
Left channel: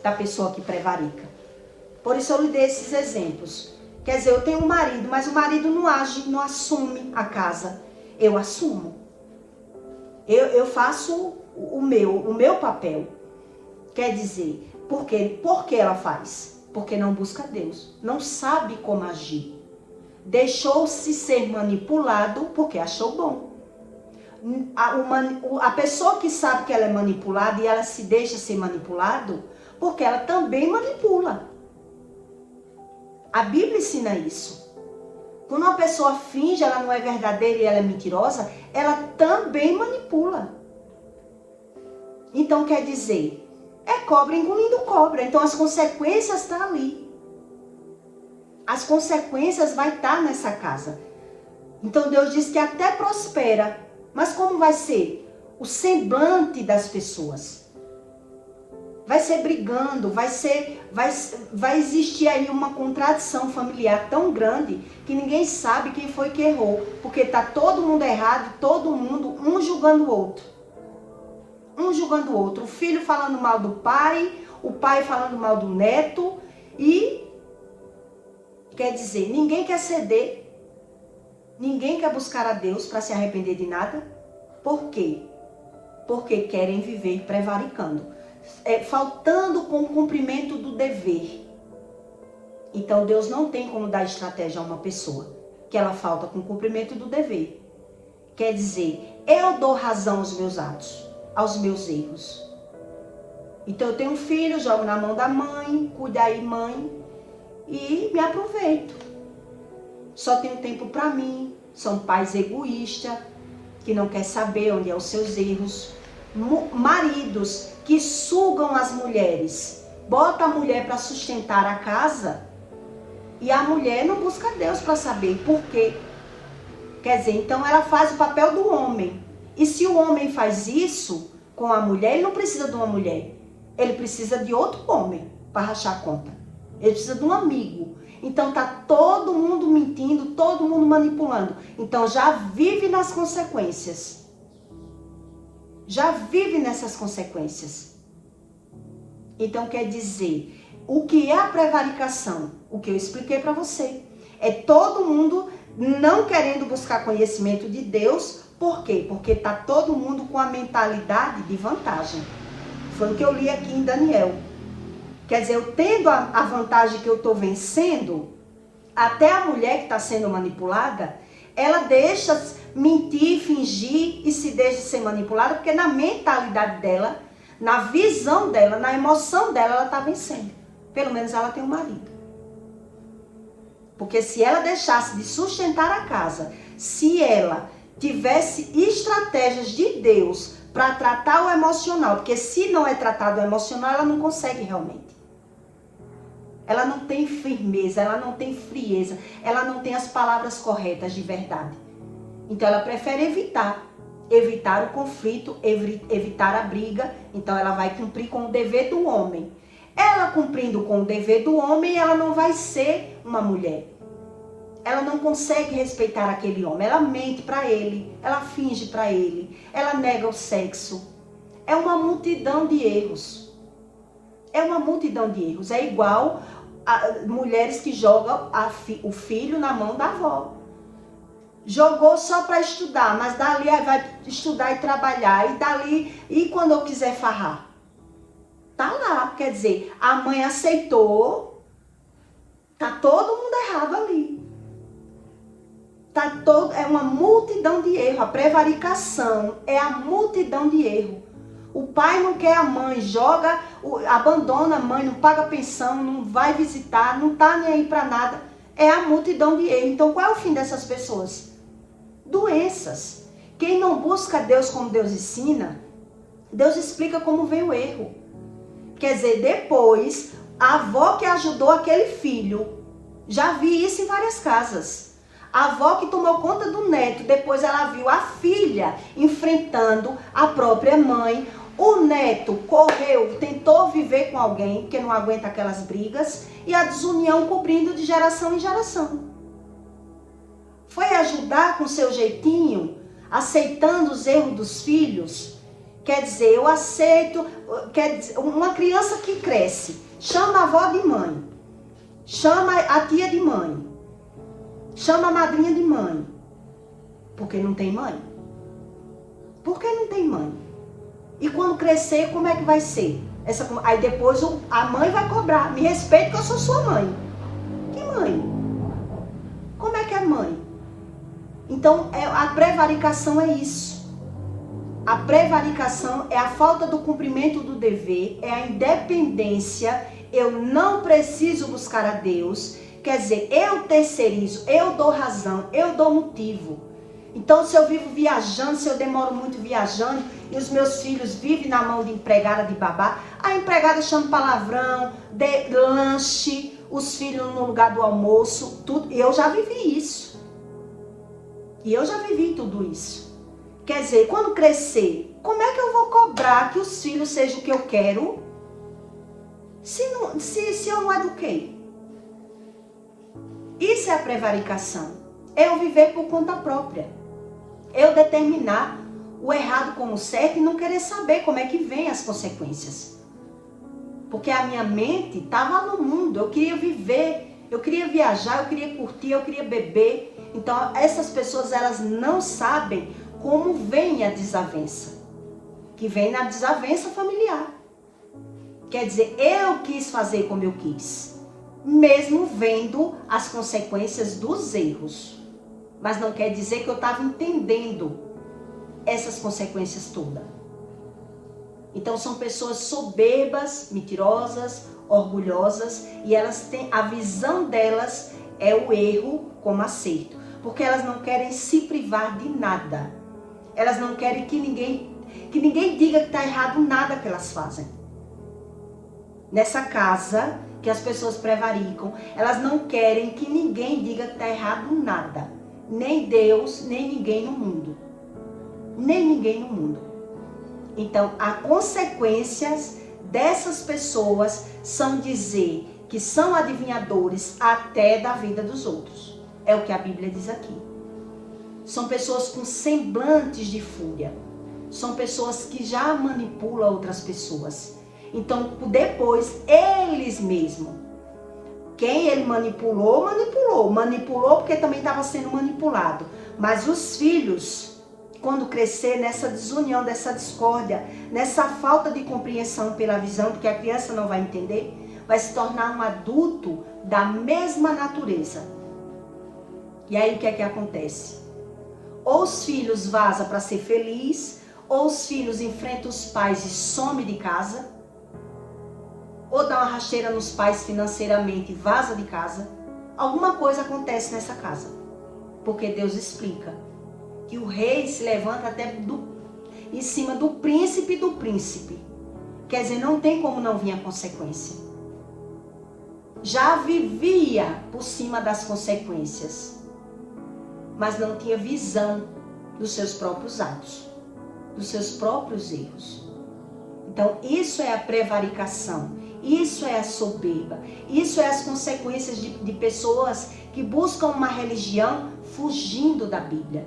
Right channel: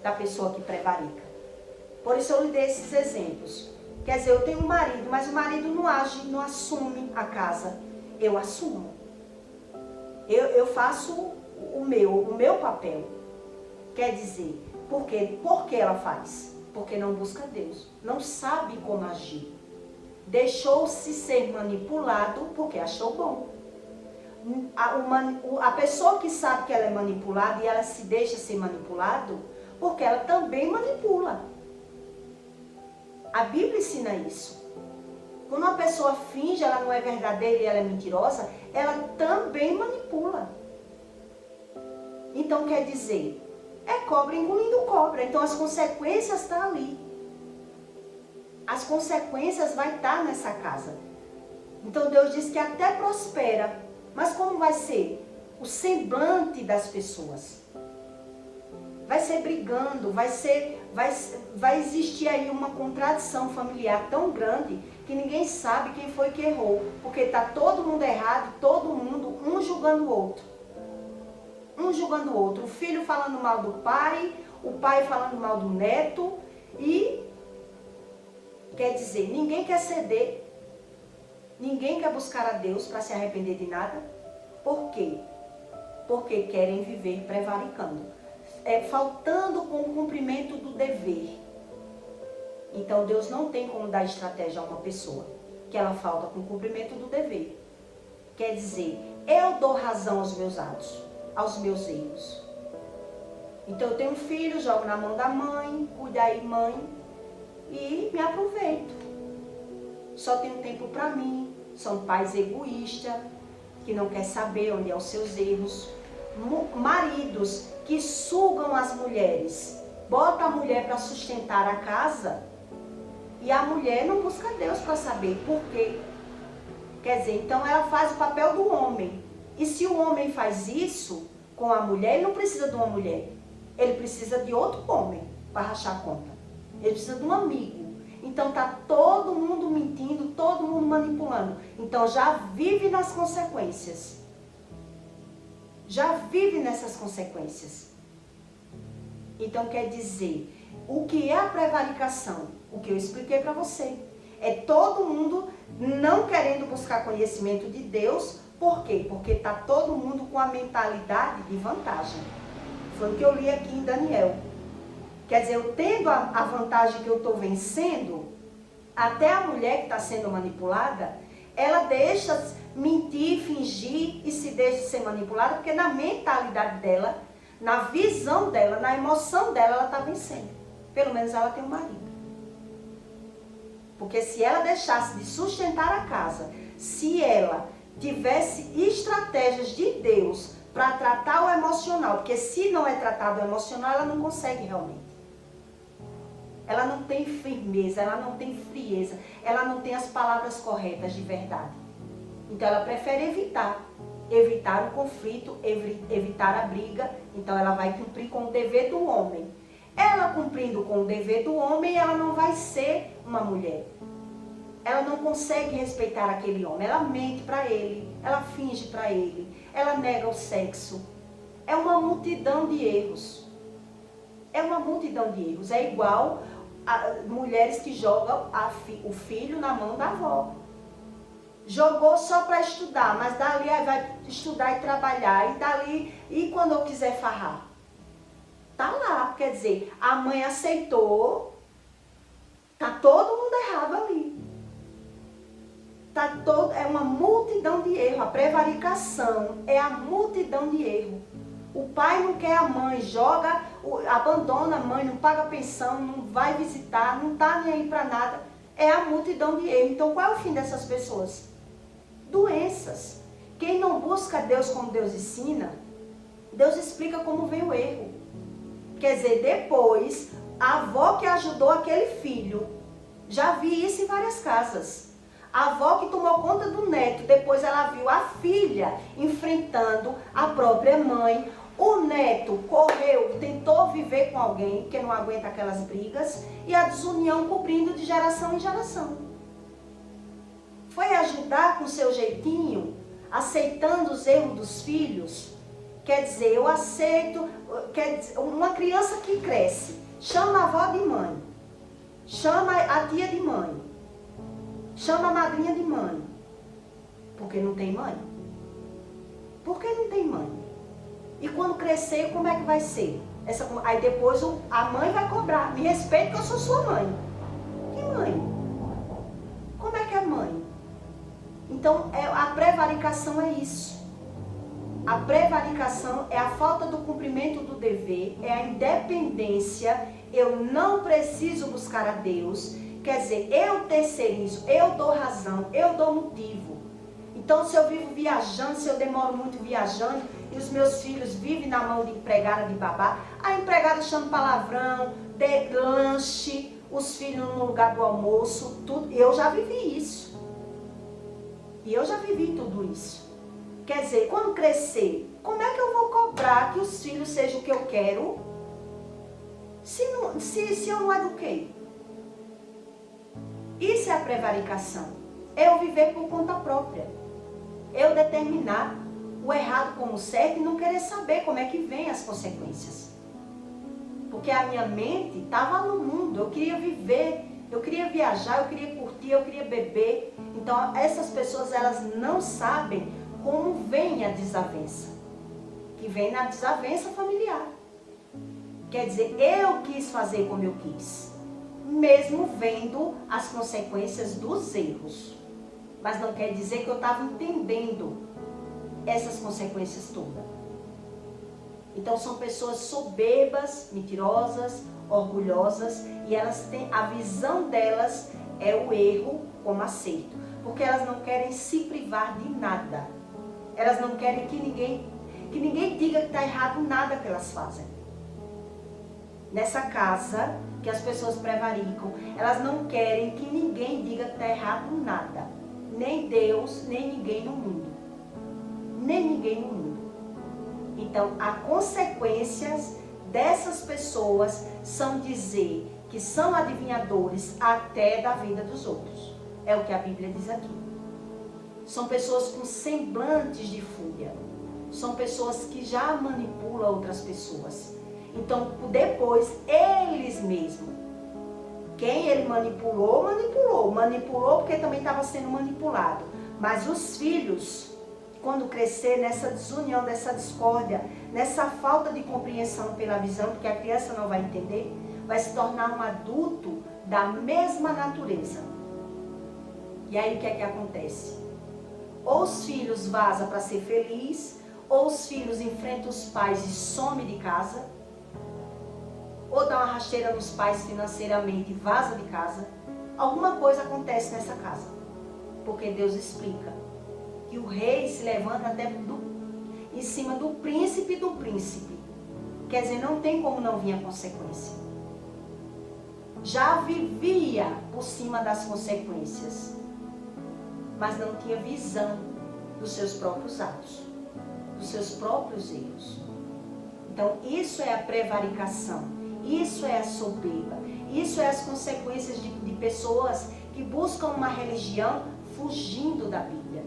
da pessoa que prevarica. Por isso eu lhe dei esses exemplos. Quer dizer, eu tenho um marido, mas o marido não age, não assume a casa. Eu assumo. Eu faço o meu papel. Quer dizer, por que ela faz? Porque não busca Deus. Não sabe como agir. Deixou-se ser manipulado porque achou bom. A pessoa que sabe que ela é manipulada e ela se deixa ser manipulado, porque ela também manipula. A Bíblia ensina isso. Quando uma pessoa finge, ela não é verdadeira e ela é mentirosa, ela também manipula. Então quer dizer, é cobra engolindo cobra. Então as consequências estão ali. As consequências vai estar nessa casa. Então Deus diz que até prospera. Mas como vai ser? O semblante das pessoas. Vai ser brigando, vai existir aí uma contradição familiar tão grande que ninguém sabe quem foi que errou. Porque está todo mundo errado, todo mundo, um julgando o outro. Um julgando o outro. O filho falando mal do pai, o pai falando mal do neto. E, quer dizer, ninguém quer ceder. Ninguém quer buscar a Deus para se arrepender de nada. Por quê? Porque querem viver prevaricando. Faltando com o cumprimento do dever. Então Deus não tem como dar estratégia a uma pessoa que ela falta com o cumprimento do dever. Quer dizer, eu dou razão aos meus atos, aos meus erros. Então eu tenho um filho, jogo na mão da mãe, cuida aí mãe, e me aproveito. Só tenho tempo para mim. São pais egoístas, que não quer saber onde é os seus erros. Maridos que sugam as mulheres, bota a mulher para sustentar a casa e a mulher não busca Deus para saber por quê. Quer dizer, então ela faz o papel do homem. E se o homem faz isso com a mulher, ele não precisa de uma mulher. Ele precisa de outro homem para rachar a conta. Ele precisa de um amigo. Então tá todo mundo mentindo, todo mundo manipulando. Então já vive nas consequências. Já vive nessas consequências. Então quer dizer, o que é a prevaricação? O que eu expliquei para você. É todo mundo não querendo buscar conhecimento de Deus. Por quê? Porque está todo mundo com a mentalidade de vantagem. Foi o que eu li aqui em Daniel. Quer dizer, eu tendo a vantagem que eu estou vencendo, até a mulher que está sendo manipulada, ela deixa mentir, fingir e se deixa ser manipulada, porque na mentalidade dela, na visão dela, na emoção dela, ela está vencendo. Pelo menos ela tem um marido. Porque se ela deixasse de sustentar a casa, se ela tivesse estratégias de Deus para tratar o emocional, porque se não é tratado o emocional, ela não consegue realmente. Ela não tem firmeza, ela não tem frieza, ela não tem as palavras corretas de verdade. Então ela prefere evitar o conflito, evitar a briga. Então ela vai cumprir com o dever do homem. Ela cumprindo com o dever do homem, ela não vai ser uma mulher. Ela não consegue respeitar aquele homem. Ela mente para ele, ela finge para ele, ela nega o sexo. É uma multidão de erros. É uma multidão de erros. É igual a mulheres que jogam o filho na mão da avó. Jogou só para estudar, mas dali vai estudar e trabalhar. E dali, e quando eu quiser farrar? Tá lá, quer dizer, a mãe aceitou. Tá todo mundo errado ali. É uma multidão de erro. A prevaricação é a multidão de erro. O pai não quer a mãe, abandona a mãe, não paga pensão, não vai visitar, não tá nem aí para nada. É a multidão de erro. Então qual é o fim dessas pessoas? Doenças. Quem não busca Deus como Deus ensina, Deus explica como vem o erro. Quer dizer, depois, a avó que ajudou aquele filho, já vi isso em várias casas. A avó que tomou conta do neto, depois ela viu a filha enfrentando a própria mãe. O neto correu, tentou viver com alguém, porque não aguenta aquelas brigas, e a desunião cobrindo de geração em geração. Foi ajudar com seu jeitinho, aceitando os erros dos filhos. Quer dizer, eu aceito, uma criança que cresce, chama a avó de mãe, chama a tia de mãe, chama a madrinha de mãe, porque não tem mãe. Por que não tem mãe? E quando crescer, como é que vai ser? Aí depois a mãe vai cobrar, me respeite que eu sou sua mãe. Que mãe? Como é que é mãe? Então a prevaricação é isso. A prevaricação é a falta do cumprimento do dever, é a independência. Eu não preciso buscar a Deus. Quer dizer, eu terceirizo, eu dou razão, eu dou motivo. Então, se eu vivo viajando, se eu demoro muito viajando, e os meus filhos vivem na mão de empregada, de babá, a empregada chama palavrão, de lanche, os filhos no lugar do almoço, tudo. Eu já vivi isso. E eu já vivi tudo isso. Quer dizer, quando crescer, como é que eu vou cobrar que os filhos sejam o que eu quero, se eu não eduquei? Isso é a prevaricação. É eu viver por conta própria. Eu determinar o errado como certo e não querer saber como é que vem as consequências. Porque a minha mente estava no mundo, eu queria viver, eu queria viajar, eu queria curtir, eu queria beber. Então essas pessoas, elas não sabem como vem a desavença. Que vem na desavença familiar. Quer dizer, eu quis fazer como eu quis. Mesmo vendo as consequências dos erros. Mas não quer dizer que eu estava entendendo essas consequências todas. Então são pessoas soberbas, mentirosas, orgulhosas, e elas têm, a visão delas é o erro como acerto. Porque elas não querem se privar de nada. Elas não querem que ninguém diga que está errado nada que elas fazem. Nessa casa que as pessoas prevaricam, elas não querem que ninguém diga que está errado nada. Nem Deus, nem ninguém no mundo. Nem ninguém no mundo. Então, as consequências dessas pessoas são dizer que são adivinhadores até da vida dos outros. É o que a Bíblia diz aqui. São pessoas com semblantes de fúria. São pessoas que já manipulam outras pessoas. Então, depois, eles mesmos, quem ele manipulou porque também estava sendo manipulado. Mas os filhos, quando crescer nessa desunião, dessa discórdia, nessa falta de compreensão pela visão, porque a criança não vai entender, vai se tornar um adulto da mesma natureza. E aí o que é que acontece? Ou os filhos vazam para ser feliz, ou os filhos enfrentam os pais e somem de casa, ou dá uma rasteira nos pais financeiramente e vaza de casa. Alguma coisa acontece nessa casa. Porque Deus explica que o rei se levanta até em cima do príncipe do príncipe. Quer dizer, não tem como não vir a consequência. Já vivia por cima das consequências, mas não tinha visão dos seus próprios atos, dos seus próprios erros. Então, isso é a prevaricação. Isso é a soberba. Isso é as consequências de pessoas que buscam uma religião fugindo da Bíblia.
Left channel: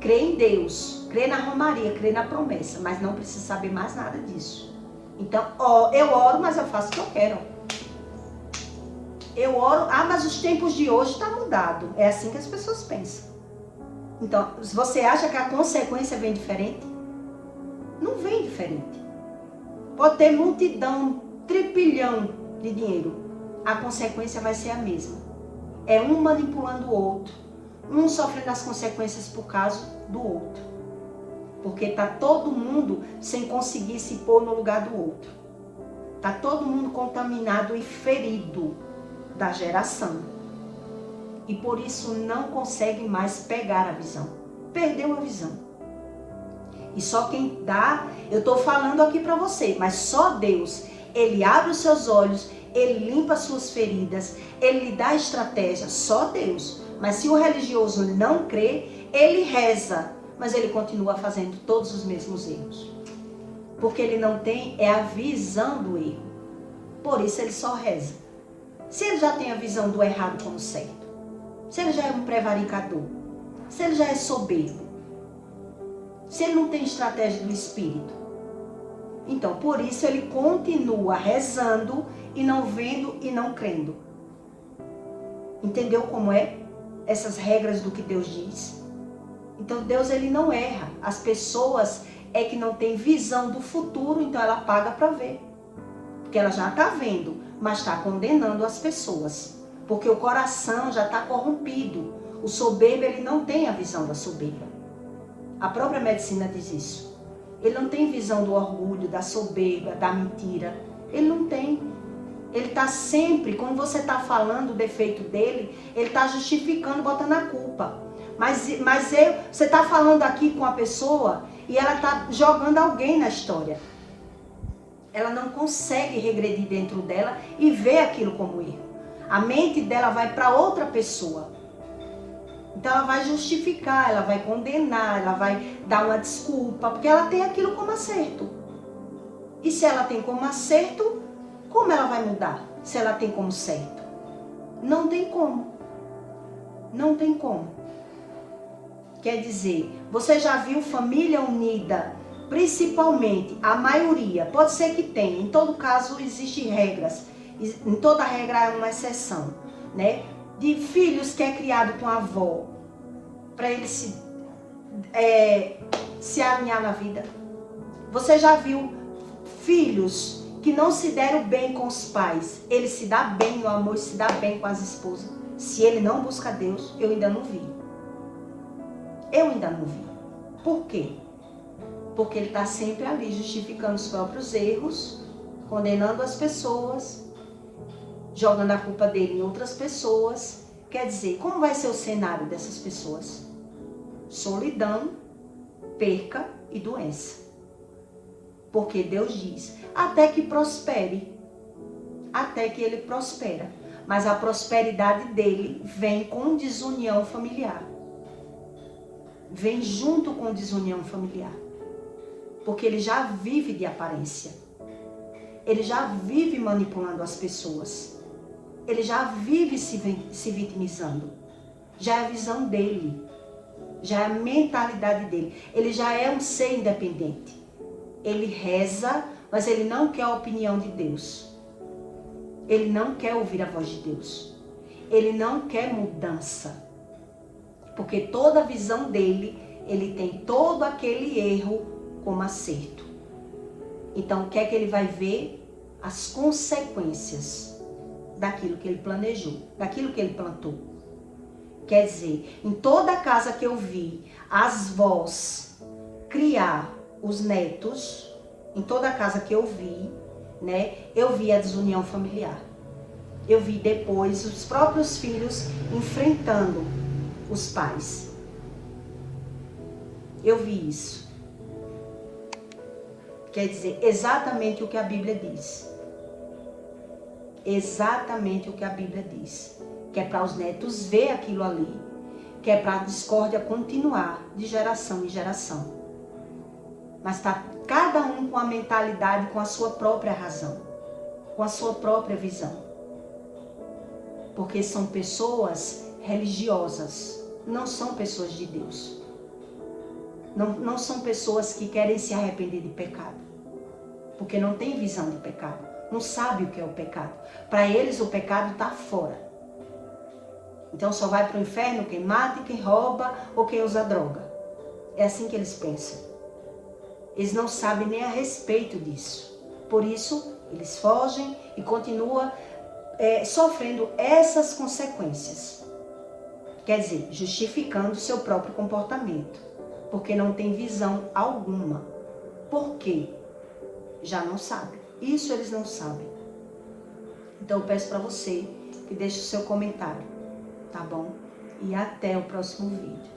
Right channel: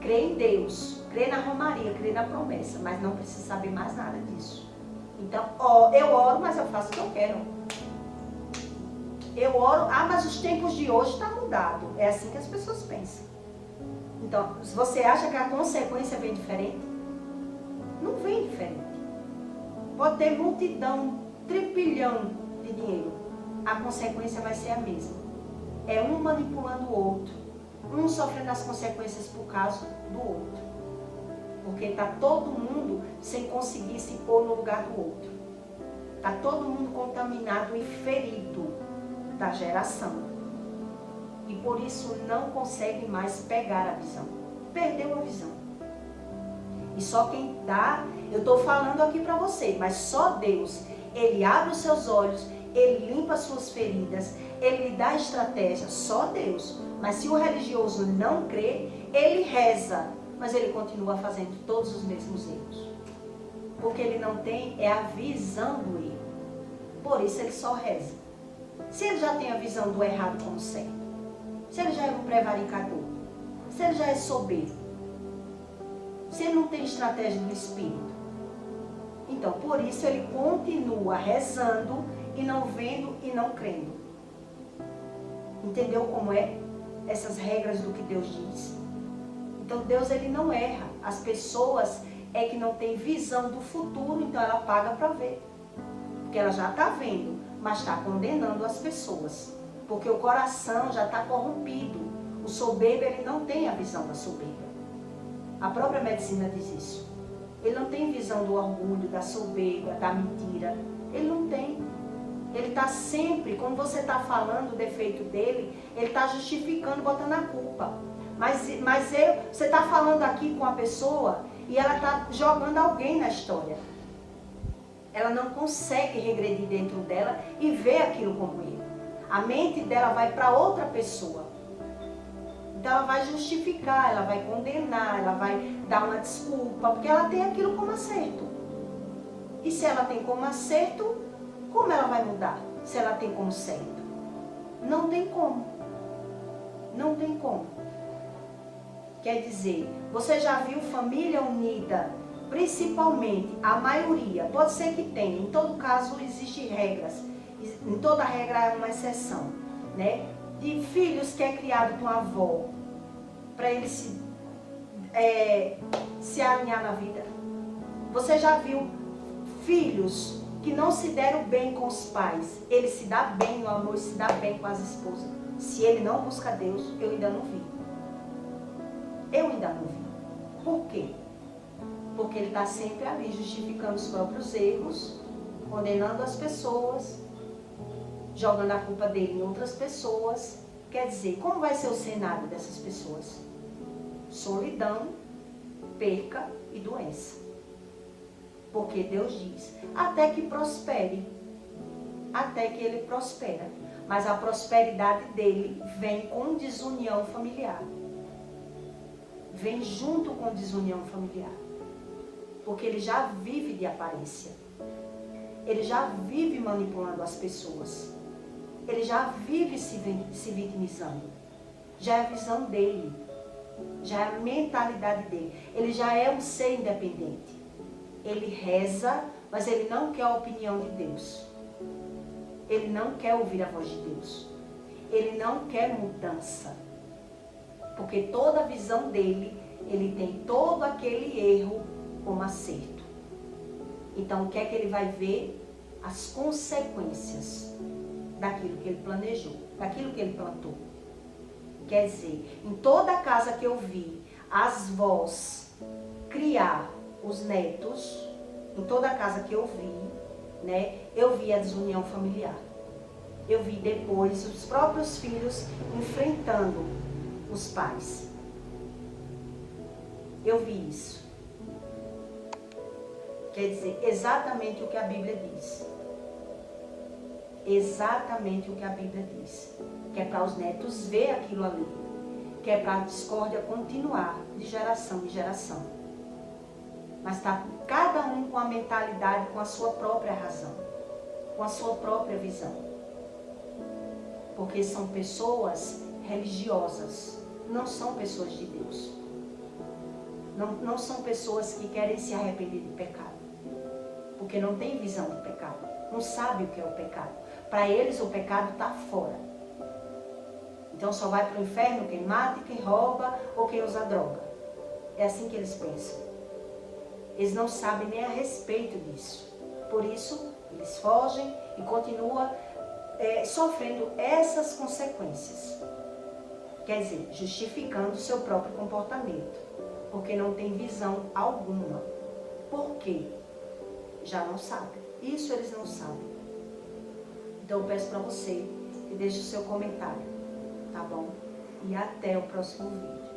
Crê em Deus, crê na romaria, crê na promessa, mas não precisa saber mais nada disso. Então, eu oro, mas eu faço o que eu quero. Eu oro, mas os tempos de hoje estão mudados. É assim que as pessoas pensam. Então, você acha que a consequência vem diferente? Não vem diferente. Pode ter multidão, trilhão de dinheiro. A consequência vai ser a mesma. É um manipulando o outro. Um sofrendo as consequências por causa do outro. Porque está todo mundo sem conseguir se pôr no lugar do outro. Está todo mundo contaminado e ferido da geração. E por isso não consegue mais pegar a visão. Perdeu a visão. E só quem dá, eu estou falando aqui para você, mas só Deus, Ele abre os seus olhos, Ele limpa as suas feridas, Ele lhe dá estratégia, só Deus. Mas se o religioso não crê, ele reza, mas ele continua fazendo todos os mesmos erros. Porque ele não tem a visão do erro. Por isso ele só reza. Se ele já tem a visão do errado como certo, se ele já é um prevaricador, se ele já é soberbo, se ele não tem estratégia do espírito, então por isso ele continua rezando e não vendo e não crendo. Entendeu como é? Essas regras do que Deus diz. Então Deus, ele não erra. As pessoas é que não tem visão do futuro, então ela paga para ver. Porque ela já está vendo, mas está condenando as pessoas. Porque o coração já está corrompido. O soberbo, ele não tem a visão da soberba. A própria medicina diz isso. Ele não tem visão do orgulho, da soberba, da mentira. Ele não tem. Ele está sempre, quando você está falando o defeito dele, ele está justificando, botando a culpa. Você está falando aqui com a pessoa e ela está jogando alguém na história. Ela não consegue regredir dentro dela e ver aquilo como erro. A mente dela vai para outra pessoa. Então ela vai justificar, ela vai condenar, ela vai dar uma desculpa, porque ela tem aquilo como acerto. E se ela tem como acerto, como ela vai mudar? Se ela tem como certo? Não tem como. Não tem como. Quer dizer, você já viu família unida, principalmente a maioria, pode ser que tenha, em todo caso existem regras, em toda regra há uma exceção, né? De filhos que é criado com a avó, para ele se alinhar na vida. Você já viu filhos que não se deram bem com os pais, ele se dá bem no amor, se dá bem com as esposas. Se ele não busca Deus, eu ainda não vi. Eu ainda não vi. Por quê? Porque ele está sempre ali justificando os próprios erros, condenando as pessoas, jogando a culpa dele em outras pessoas. Quer dizer, como vai ser o cenário dessas pessoas? Solidão, perca e doença. Porque Deus diz, até que prospere. Até que ele prospera. Mas a prosperidade dele vem com desunião familiar. Vem junto com desunião familiar. Porque ele já vive de aparência. Ele já vive manipulando as pessoas. Ele já vive se vitimizando. Já é a visão dele. Já é a mentalidade dele. Ele já é um ser independente. Ele reza, mas ele não quer a opinião de Deus. Ele não quer ouvir a voz de Deus. Ele não quer mudança. Porque toda a visão dele, ele tem todo aquele erro como acerto. Então, o que é que ele vai ver? As consequências daquilo que ele planejou, daquilo que ele plantou. Quer dizer, em toda casa que eu vi as vós criar os netos, em toda casa que eu vi, né, eu vi a desunião familiar. Eu vi depois os próprios filhos enfrentando os pais. Eu vi isso. Quer dizer, exatamente o que a Bíblia diz. Exatamente o que a Bíblia diz. Que é para os netos ver aquilo ali. Que é para a discórdia continuar de geração em geração. Mas está cada um com a mentalidade, com a sua própria razão. Com a sua própria visão. Porque são pessoas religiosas. Não são pessoas de Deus. Não são pessoas que querem se arrepender de pecado. Porque não tem visão de pecado. Não sabe o que é o pecado. Para eles o pecado está fora. Então só vai para o inferno quem mata, quem rouba ou quem usa droga. É assim que eles pensam. Eles não sabem nem a respeito disso. Por isso eles fogem e continuam sofrendo essas consequências. Quer dizer, justificando o seu próprio comportamento. Porque não tem visão alguma. Por quê? Já não sabe. Isso eles não sabem. Então eu peço para você que deixe o seu comentário, tá bom? E até o próximo vídeo.